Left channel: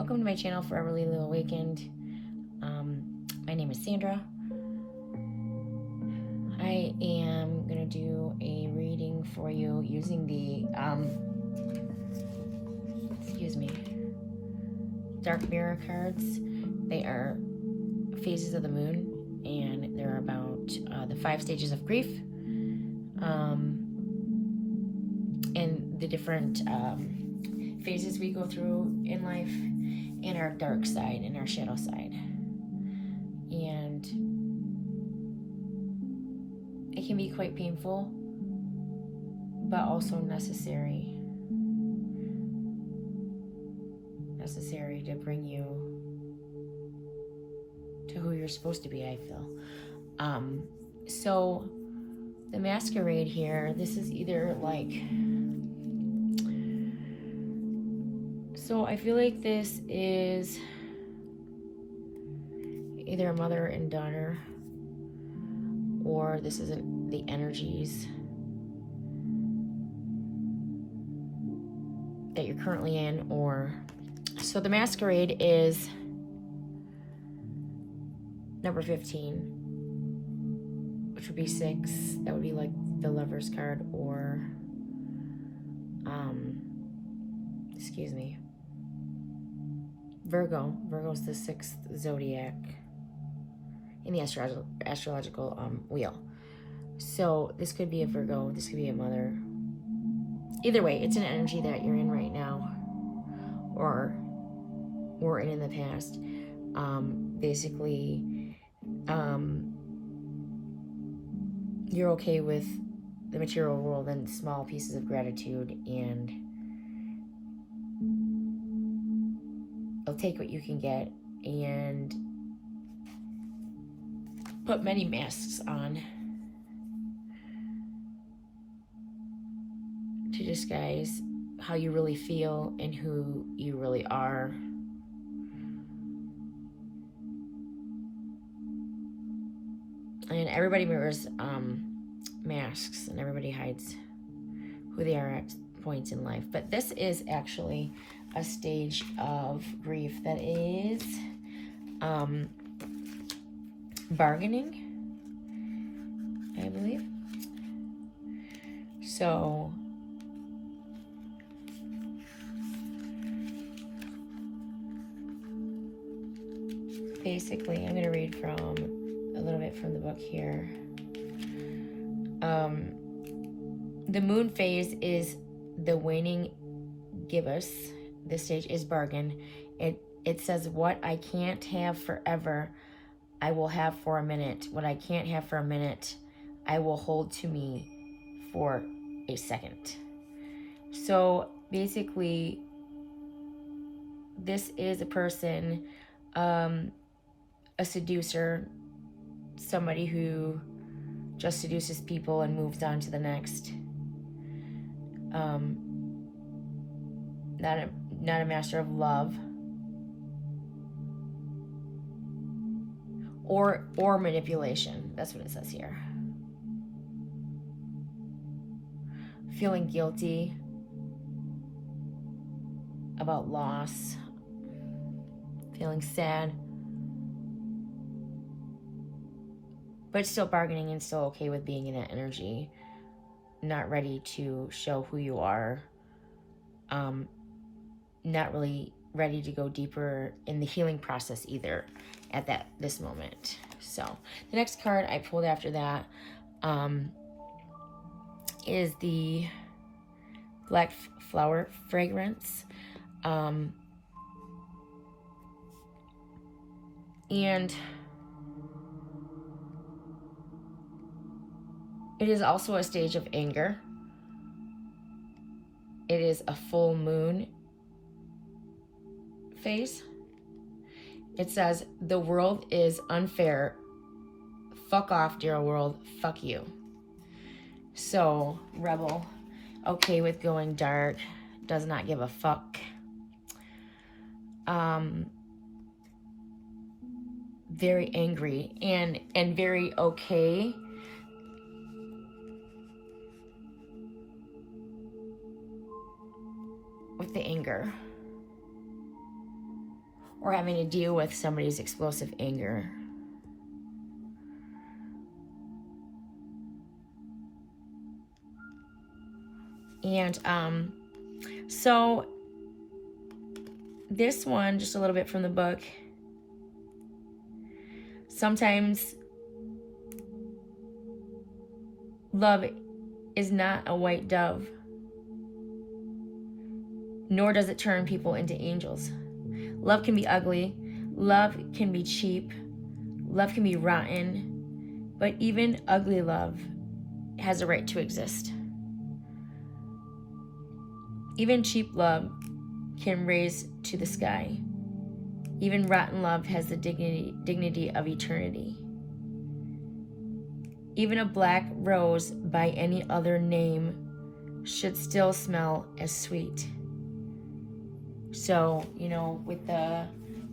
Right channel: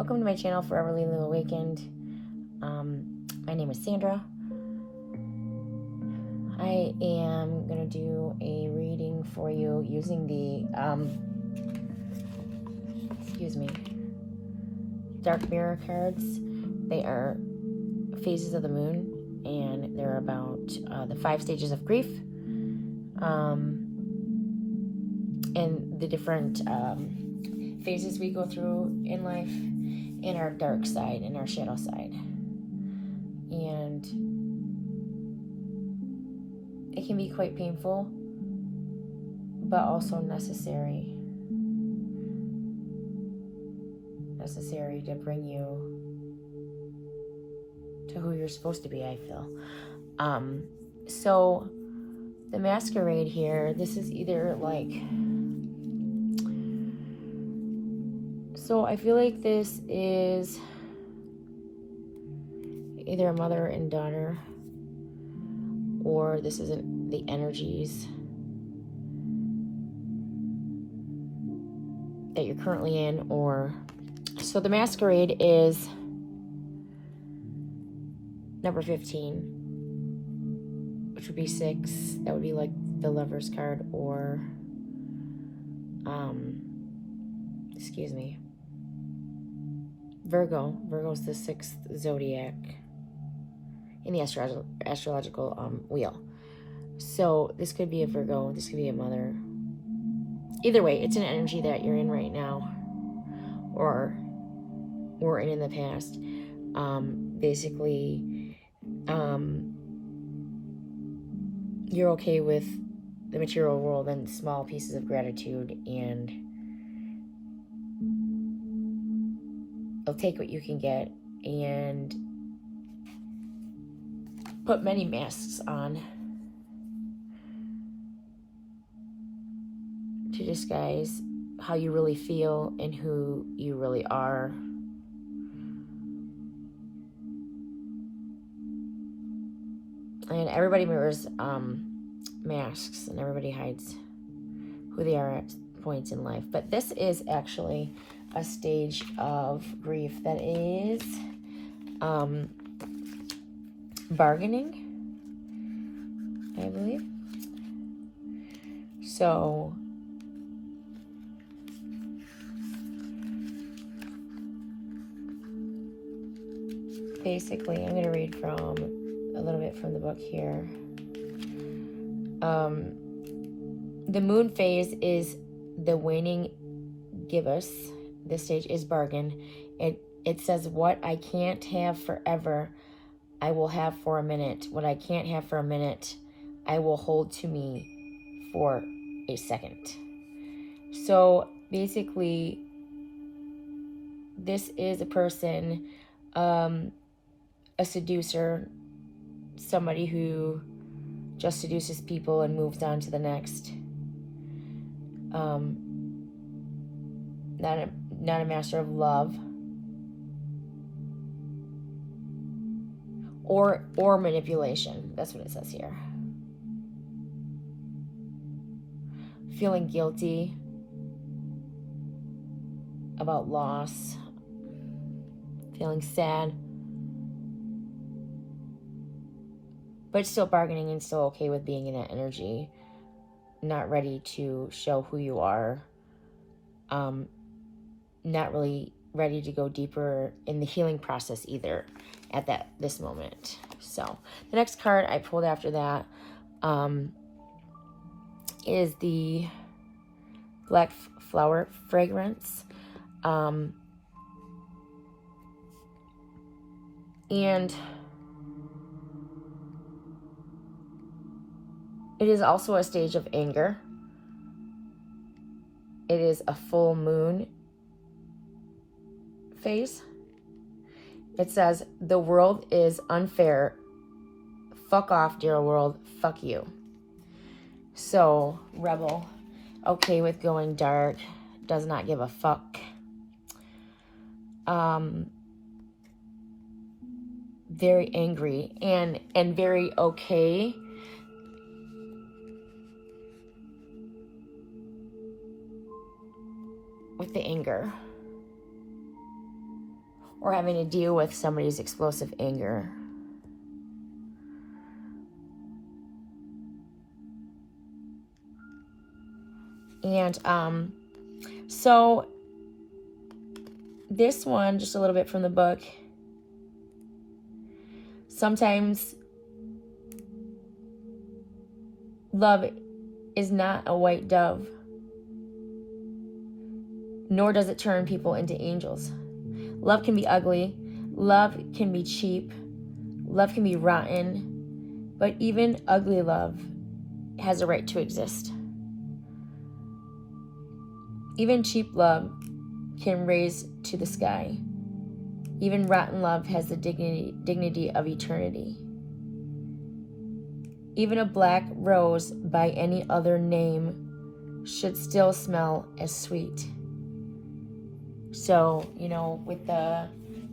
Welcome to my channel, Forever Lily Awakened. My name is Sandra. I am going to do a reading for you using the, Dark Mirror cards. They are phases of the moon, and they're about the 5 stages of grief, and the different phases we go through in life, in our dark side, in our shadow side. And it can be quite painful, but also necessary to bring you to who you're supposed to be, I feel. So the masquerade here, this is either like, so I feel like this is either a mother and daughter, or this is the energies that you're currently in. Or so the masquerade is number 15, which would be 6. That would be like the Lover's card, or Virgo. Virgo's the 6th zodiac in the astrological wheel. So this could be a Virgo, this could be a mother. Either way, it's an energy that you're in right now, or in the past. Basically, you're okay with the material world and small pieces of gratitude, and you'll take what you can get and put many masks on to disguise how you really feel and who you really are. And everybody wears masks, and everybody hides who they are at points in life. But this is actually a stage of grief that is bargaining, I believe. So basically, I'm going to read from a little bit from the book here. The moon phase is the waning gibbous. This stage is bargain. It says, what I can't have forever, I will have for a minute. What I can't have for a minute, I will hold to me for a second. So basically, this is a person, a seducer, somebody who just seduces people and moves on to the next. Not a master of love or manipulation. That's what it says here. Feeling guilty about loss, feeling sad, but still bargaining and still okay with being in that energy. Not ready to show who you are. Not really ready to go deeper in the healing process either at this moment. So the next card I pulled after that is the Black Flower Fragrance. And it is also a stage of anger. It is a full moon phase. It says, the world is unfair. Fuck off, dear world. Fuck you. So, rebel, okay with going dark, does not give a fuck. Very angry and very okay with the anger. or having to deal with somebody's explosive anger. And so this one, just a little bit from the book, sometimes love is not a white dove, nor does it turn people into angels. Love can be ugly, love can be cheap, love can be rotten, but even ugly love has a right to exist. Even cheap love can raise to the sky. Even rotten love has the dignity of eternity. Even a black rose by any other name should still smell as sweet. So, you know, with the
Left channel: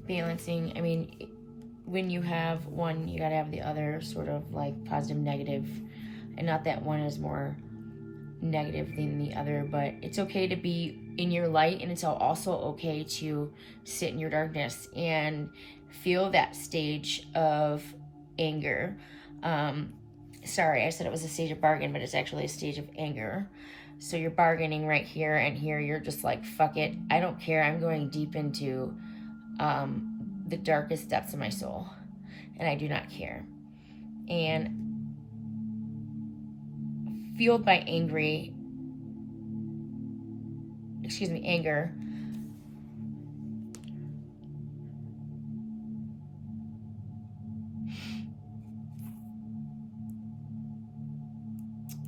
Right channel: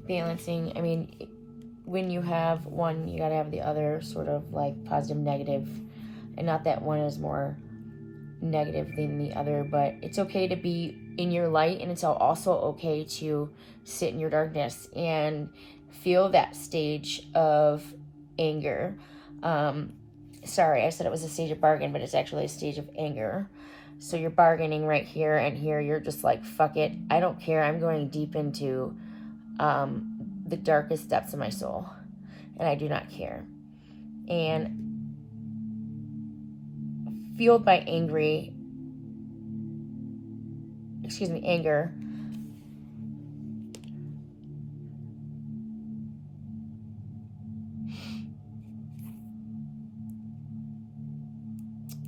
balancing, I mean, when you have one, you gotta have the other, sort of like positive, negative, and not that one is more negative than the other, but it's okay to be in your light, and it's also okay to sit in your darkness and feel that stage of anger. Sorry, I said it was a stage of bargain, but it's actually a stage of anger. So you're bargaining right here, and here you're just like, fuck it, I don't care, I'm going deep into the darkest depths of my soul, and I do not care. And fueled by anger,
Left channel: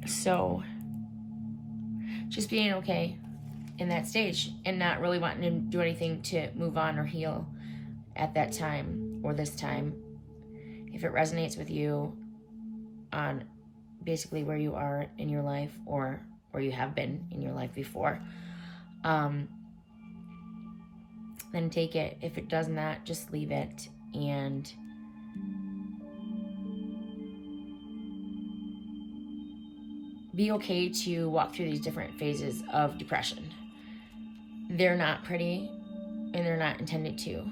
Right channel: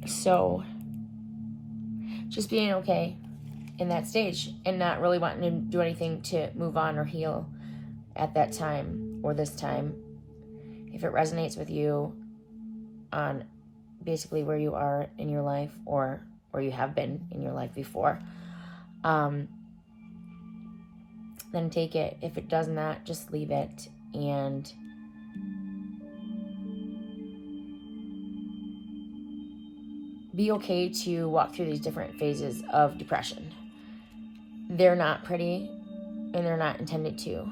so just being okay in that stage and not really wanting to do anything to move on or heal at that time or this time, if it resonates with you on basically where you are in your life or where you have been in your life before, then take it. If it does not, just leave it and be okay to walk through these different phases of depression. They're not pretty, and they're not intended to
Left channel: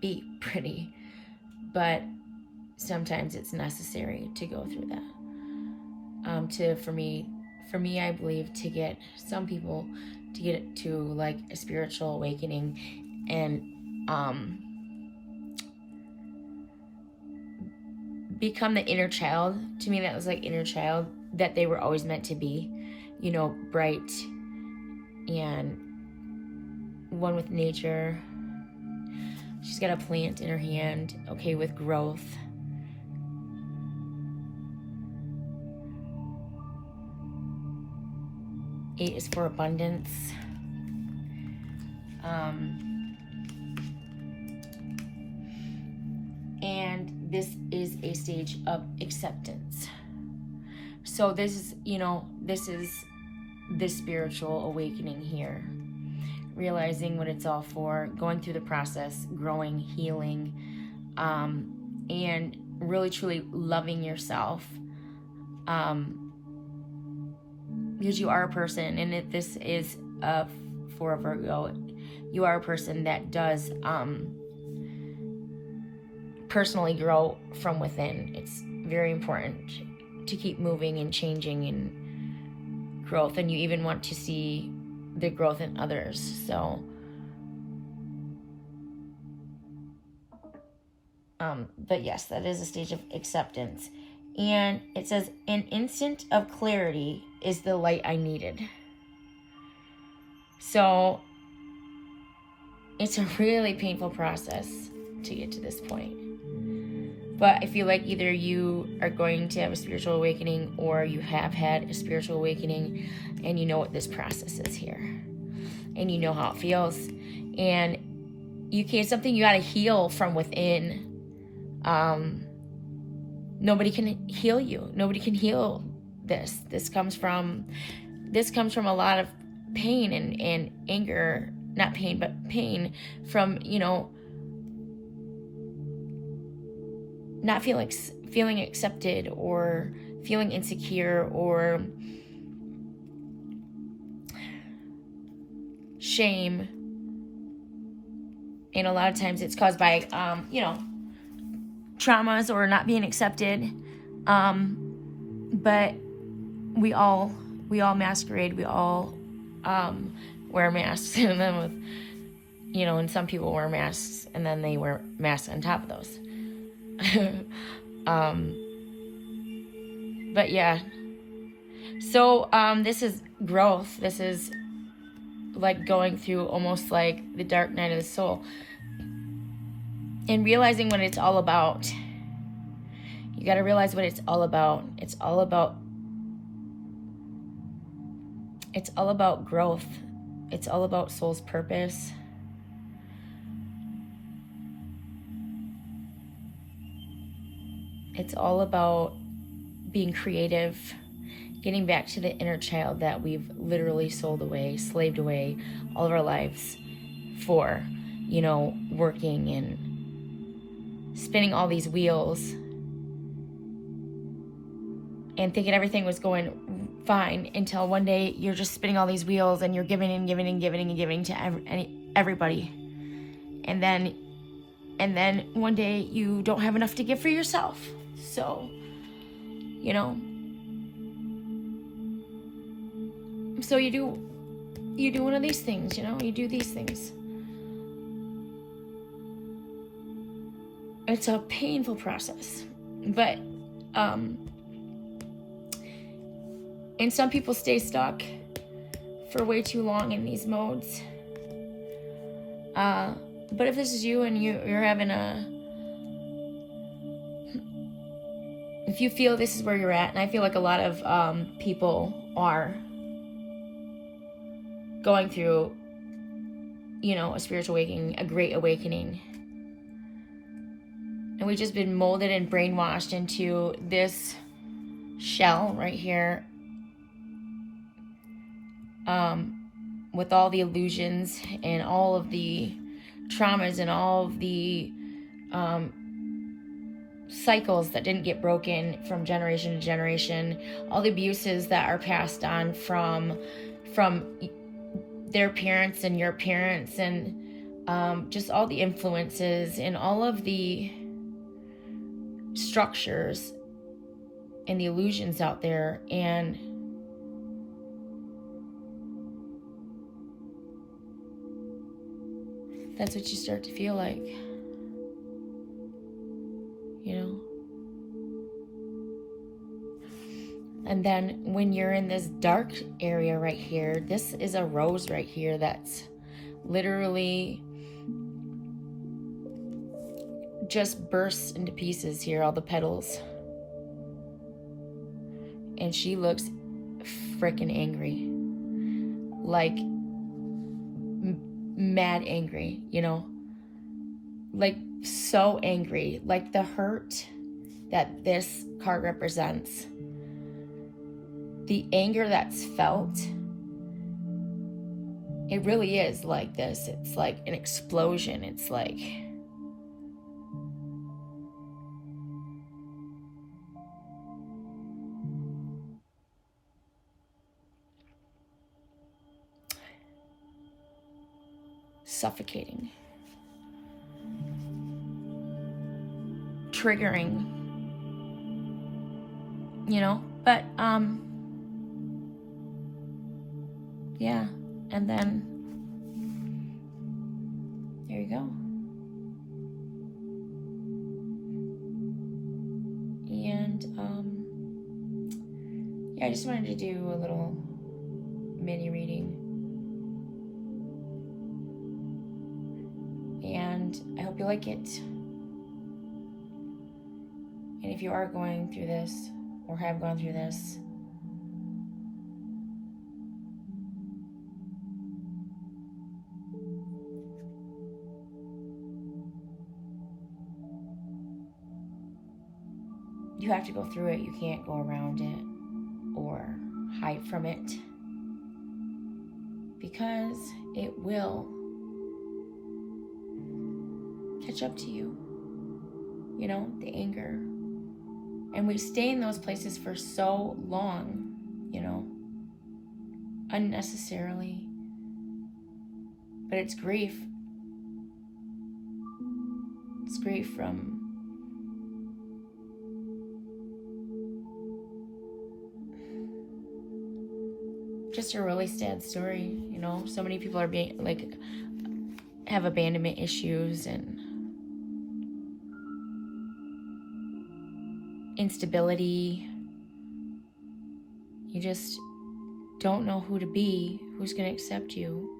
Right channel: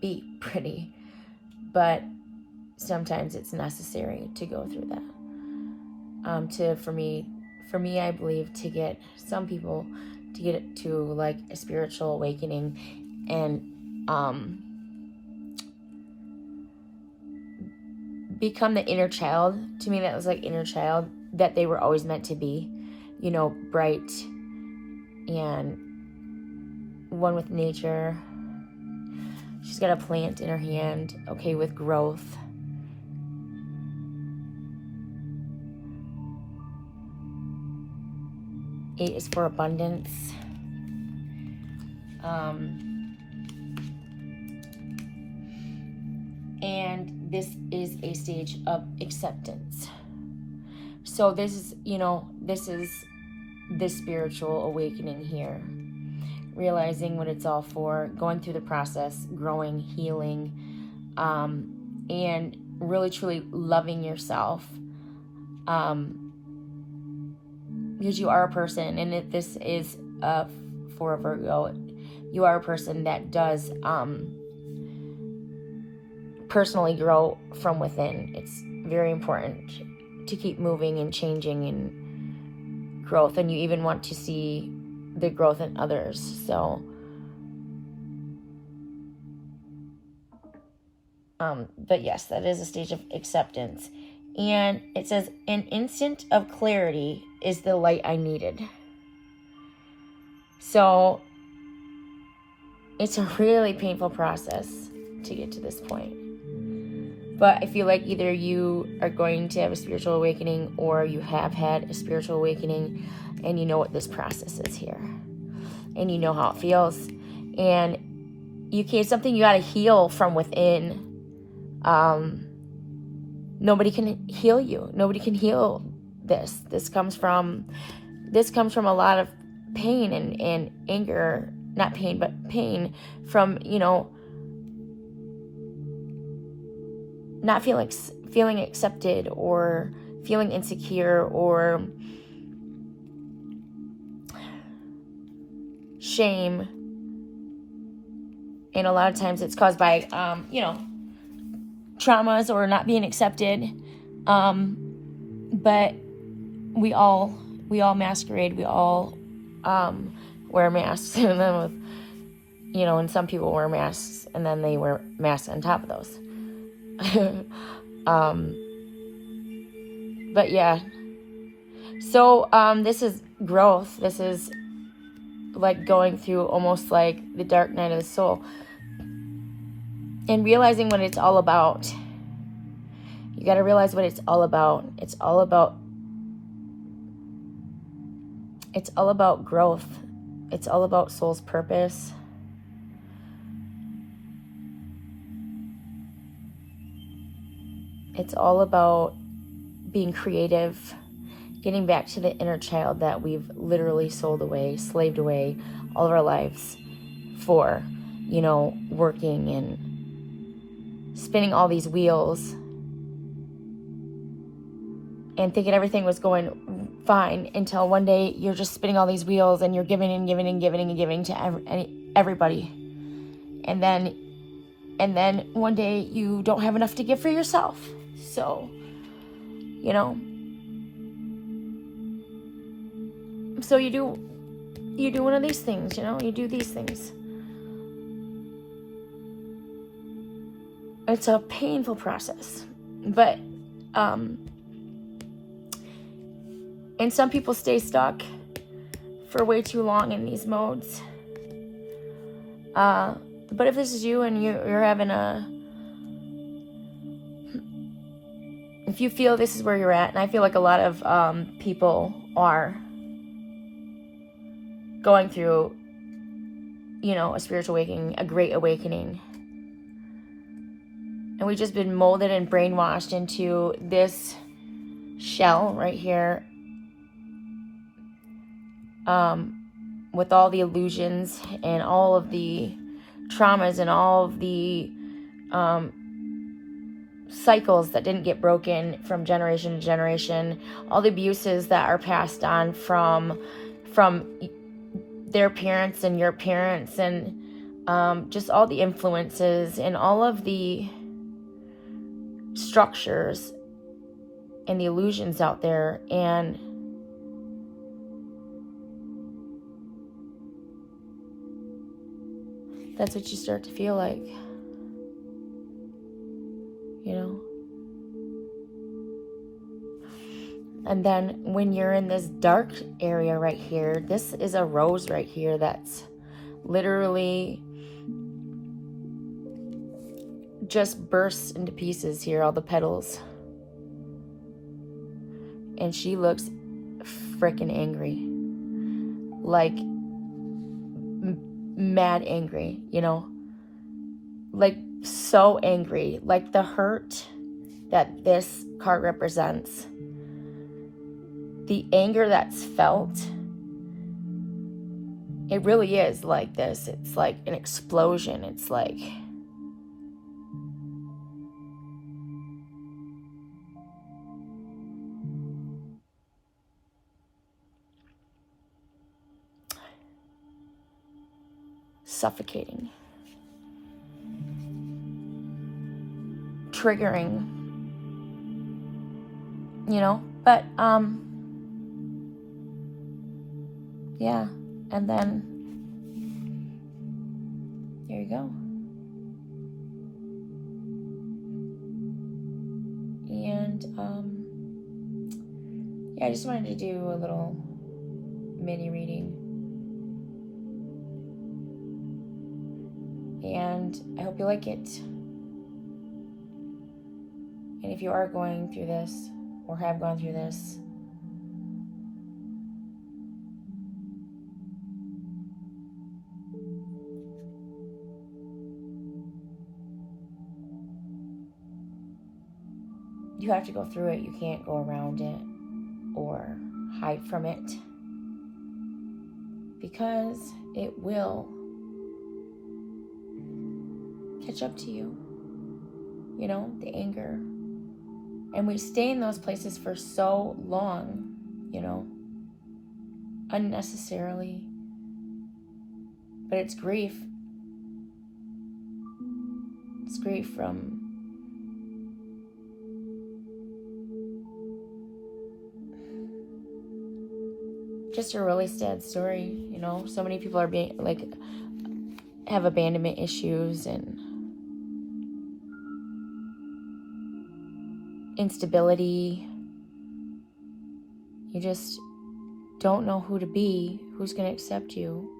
be pretty, but sometimes it's necessary to go through that. For me, I believe to get some people to get it to like a spiritual awakening and become the inner child. To me, that was like inner child that they were always meant to be, you know, bright and one with nature. She's got a plant in her hand, okay with growth. Eight is for abundance. And this is a stage of acceptance. So this is, you know, this is the spiritual awakening here. Realizing what it's all for, going through the process, growing, healing, and really truly loving yourself. Because you are a person, and this is for a Virgo, you are a person that does personally grow from within. It's very important to keep moving and changing and growth, and you even want to see the growth in others. So but yes, that is a stage of acceptance. And it says, an instant of clarity is the light I needed. So it's a really painful process to get to this point. But I feel like either you are going to have a spiritual awakening or you have had a spiritual awakening and you know what this process is here. And you know how it feels. And it's something you got to heal from within. Nobody can heal you. Nobody can heal this. This comes from a lot of pain and anger. Not pain, but pain from, you know, not feeling accepted or feeling insecure or shame And a lot of times it's caused by, traumas or not being accepted. But we all masquerade. We all wear masks. And then and some people wear masks and then they wear masks on top of those. But yeah. So this is growth. This is like going through almost like the dark night of the soul. And realizing what it's all about. You got to realize what it's all about. It's all about growth. It's all about soul's purpose. It's all about being creative, getting back to the inner child that we've literally sold away, slaved away all of our lives for, working and spinning all these wheels and thinking everything was going fine until one day you're just spinning all these wheels and you're giving and giving and giving and giving to everybody. And then one day you don't have enough to give for yourself. So, so you do one of these things, you do these things. It's a painful process, but and some people stay stuck for way too long in these modes. But if this is you and you're having if you feel this is where you're at, and I feel like a lot of people are going through, a spiritual awakening, a great awakening. And we've just been molded and brainwashed into this shell right here, with all the illusions and all of the traumas and all of the cycles that didn't get broken from generation to generation, all the abuses that are passed on from their parents and your parents, and just all the influences and all of the structures and the illusions out there. And that's what you start to feel like, And then when you're in this dark area right here, this is a rose right here that's literally just bursts into pieces here, all the petals. And she looks freaking angry. Like mad angry, like so angry, like the hurt that this card represents, the anger that's felt, it really is like this. It's like an explosion. It's like suffocating, triggering, but yeah, and then there you go. And yeah, I just wanted to do a little mini reading, and I hope you like it. And if you are going through this or have gone through this, you have to go through it. You can't go around it or hide from it, because it will catch up to you, the anger. And we stay in those places for so long, unnecessarily. But it's grief. It's grief from just a really sad story, you know. So many people are being like have abandonment issues and instability. You just don't know who to be, who's going to accept you.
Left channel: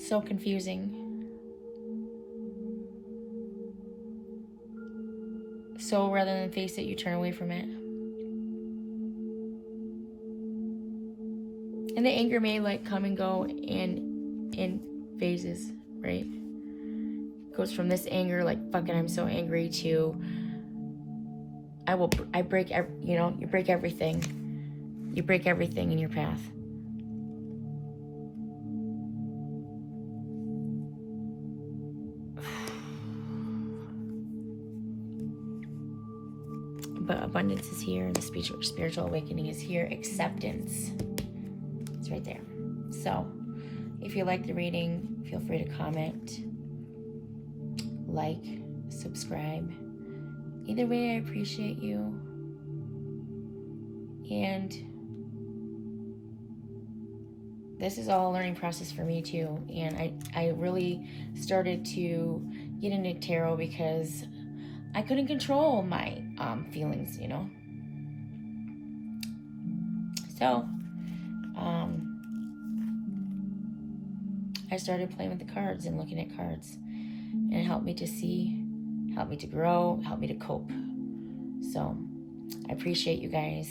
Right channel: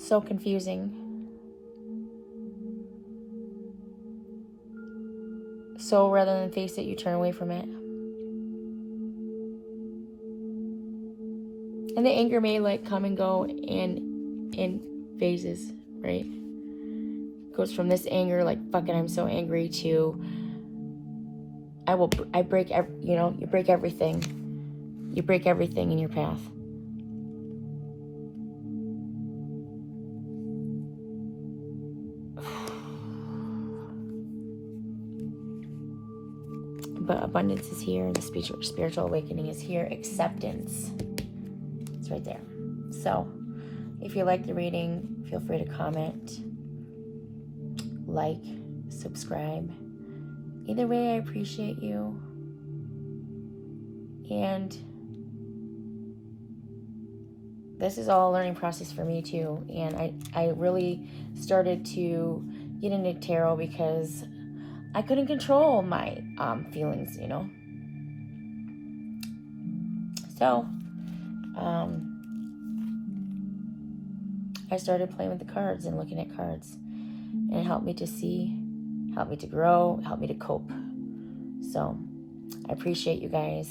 So confusing. So rather than face it, you turn away from it. And the anger may like come and go in phases, right? Goes from this anger, like fucking I'm so angry, to I break you break everything. You break everything in your path. But abundance is here. The spiritual awakening is here. Acceptance. It's right there. So, if you like the reading, feel free to comment, like, subscribe. Either way, I appreciate you. And this is all a learning process for me too. And I really started to get into tarot because I couldn't control my feelings, you know. So, I started playing with the cards and looking at cards. And it helped me to see, helped me to grow, helped me to cope. So, I appreciate you guys.